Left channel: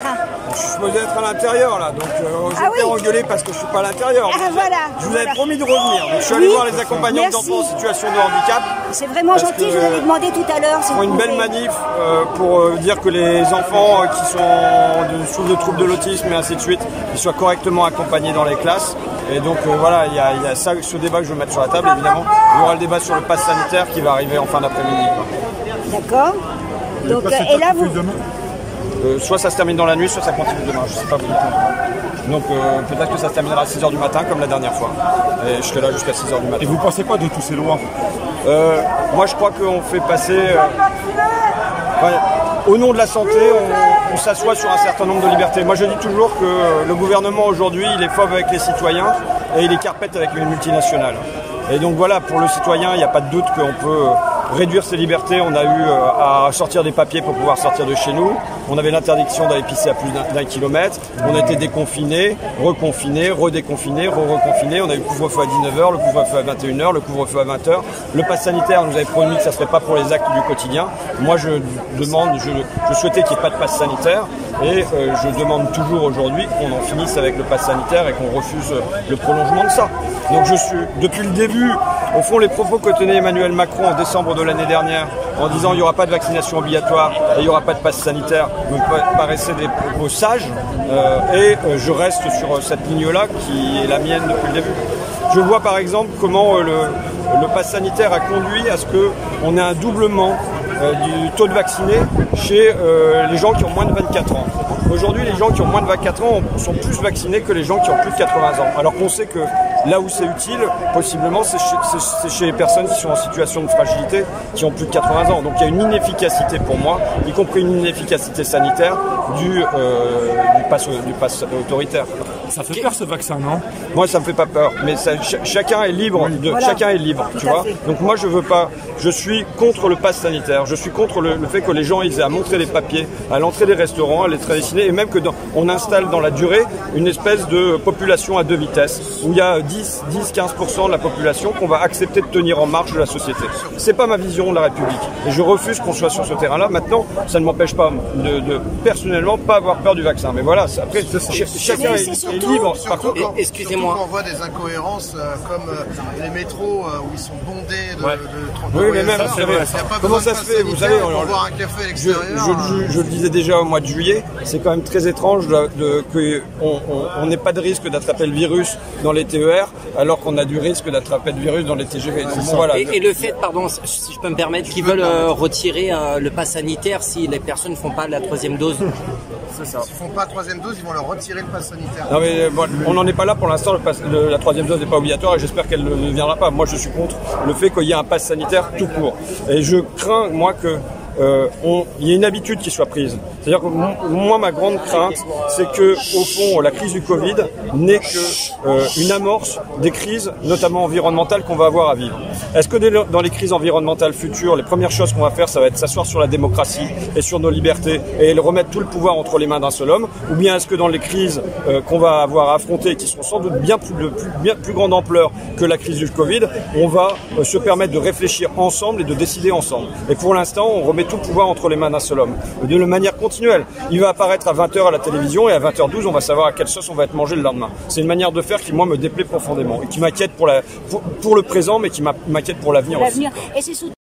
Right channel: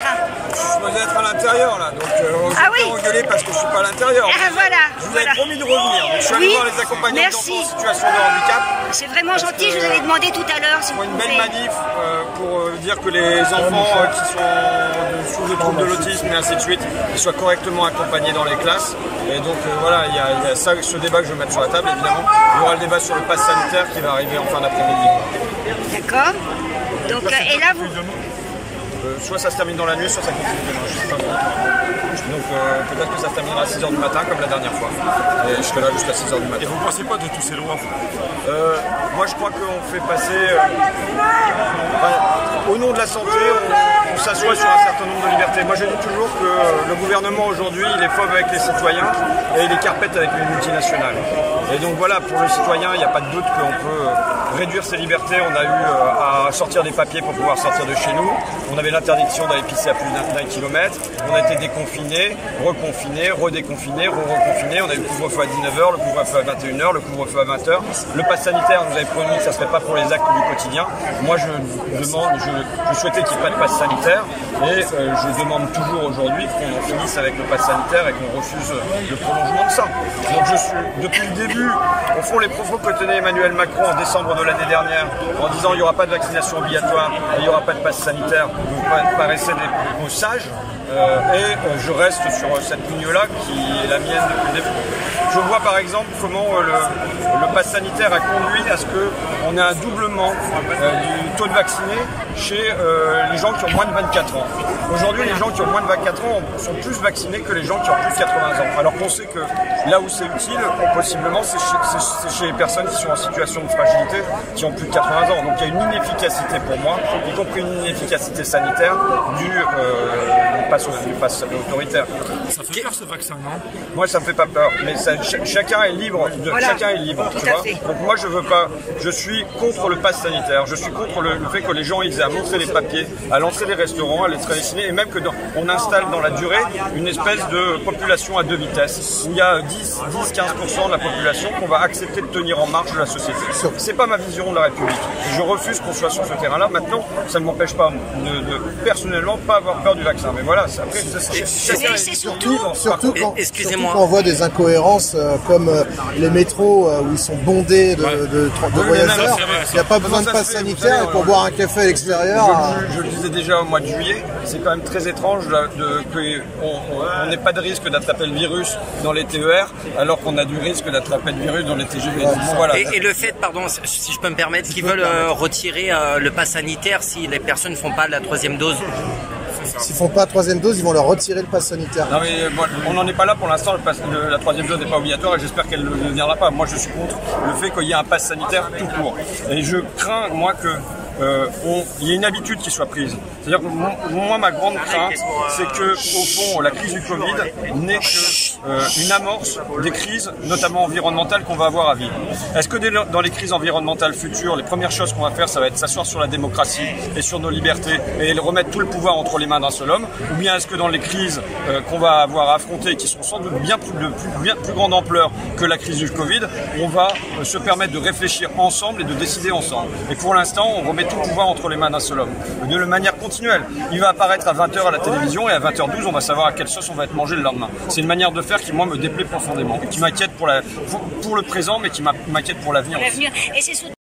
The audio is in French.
Je suis supposé être à l'intérieur là, donc je vais engueuler parce que je suis pas à l'intérieur. Je vous avais promis de revenir, donc je suis allé voir les accompagnants d'enfants en situation de handicap. C'est vraiment gentil, je vous avais demandé tout à l'heure. Ils font une belle manif pour dire que les enfants qui sont sous le trouble de l'autisme et ainsi de suite, ils soient correctement accompagnés dans les classes. Et donc voilà, il y a ça, ce débat que je vais mettre sur la table, évidemment. Il y aura le débat sur le pass sanitaire qui va arriver en fin d'après-midi. D'accord. Donc, et là, vous... soit ça se termine dans la nuit, soit ça continue demain, je sais pas vous. Donc peut-être que ça se terminera à 6h du matin comme la dernière fois. Et je serai là jusqu'à 6h du matin. Et vous pensez quoi de tous ces lois? Moi je crois qu'on fait passer... au nom de la santé, on s'assoit sur un certain nombre de libertés. Moi je dis toujours que le gouvernement aujourd'hui, il est fauve avec les citoyens et il est carpette avec les multinationales. Et donc voilà, pour le citoyen, il n'y a pas de doute qu'on peut réduire ses libertés. On a eu à sortir des papiers pour pouvoir sortir de chez nous. On avait l'interdiction d'aller pisser à plus d'un kilomètre. On a été déconfinés, reconfinés, redéconfinés, re-reconfinés. On a eu le couvre-feu à 19h, le couvre-feu à 21h, le couvre-feu à 20h. Le pass sanitaire, nous avait promis que ça ne serait pas pour les actes du quotidien. Moi, je souhaitais qu'il n'y ait pas de pass sanitaire. Et je demande toujours aujourd'hui qu'on en finisse avec le pass sanitaire et qu'on refuse le prolongement de ça. Donc je suis, depuis le début, au fond, les propos que tenait Emmanuel Macron en décembre de l'année dernière, en disant il n'y aura pas de vaccination obligatoire et il n'y aura pas de passe sanitaire, me paraissaient des propos sages. Et je reste sur cette ligne-là qui est la mienne depuis le début. Je vois par exemple comment le pass sanitaire a conduit à ce qu'on ait un doublement du taux de vaccinés chez les gens qui ont moins de 24 ans. Aujourd'hui, les gens qui ont moins de 24 ans sont plus vaccinés que les gens qui ont plus de 80 ans. Alors qu'on sait que là où c'est utile, possiblement, c'est chez les personnes qui sont en situation de fragilité, qui ont plus de 80 ans. Donc il y a une inefficacité pour moi, y compris une inefficacité sanitaire du pass autoritaire. Ça fait peur ce vaccin, non? Moi, ça me fait pas peur, mais chacun est libre. Chacun est libre, tu vois. Donc moi, je veux pas. Je suis contre le pass sanitaire. Je suis contre le fait que les gens ils aient à montrer des papiers à l'entrée des restaurants, à l'entrée des ciné, et même que on installe dans la durée une espèce de population à deux vitesses où il y a 10-15% de la population qu'on va accepter de tenir en marche de la société. C'est pas ma vision de la République. Et je refuse qu'on soit sur ce terrain-là. Maintenant, ça ne m'empêche pas de personnellement pas avoir peur du vaccin. Mais voilà, après chacun est libre. Excusez-moi. Quand on voit des incohérences comme les métros où ils sont bondés de voyageurs, il n'y a pas besoin de pass sanitaire pour boire un café à l'extérieur. Je le disais déjà au mois de juillet, c'est quand même très étrange qu'on n'ait pas de risque d'attraper le virus dans les TER alors qu'on a du risque d'attraper le virus dans les TGV. Donc, voilà. Et le fait, pardon, si je peux me permettre, qu'ils veulent retirer le pass sanitaire si les personnes ne font pas la troisième dose. S'ils ne font pas la troisième dose, ils vont leur retirer le pass sanitaire. Non mais bon, on n'en est pas là pour l'instant, la troisième dose n'est pas obligatoire et j'espère qu'elle ne viendra pas. Moi je suis contre le fait qu'il y ait un pass sanitaire tout court. Et je crains, moi, que il y ait une habitude qui soit prise. C'est-à-dire que moi, ma grande crainte, c'est que, au fond, la crise du Covid n'est qu'une amorce des crises, notamment environnementales, qu'on va avoir à vivre. Est-ce que dans les crises environnementales futures, les premières choses qu'on va faire, ça va être s'asseoir sur la démocratie et sur nos libertés et remettre tout le pouvoir entre les mains d'un seul homme? Ou bien est-ce que dans les crises qu'on va avoir à affronter, qui seront sans doute bien plus grande ampleur que la crise du Covid, on va se permettre de réfléchir ensemble et de décider ensemble? Et pour l'instant, on remet tout le pouvoir entre les mains d'un seul homme, de manière continuelle. Il va apparaître à 20h à la télévision et à 20h12, on va savoir à quelle sauce on va être mangé le lendemain. C'est une manière de faire qui, moi, me déplaît profondément et qui m'inquiète pour le présent, mais qui m'inquiète pour l'avenir aussi.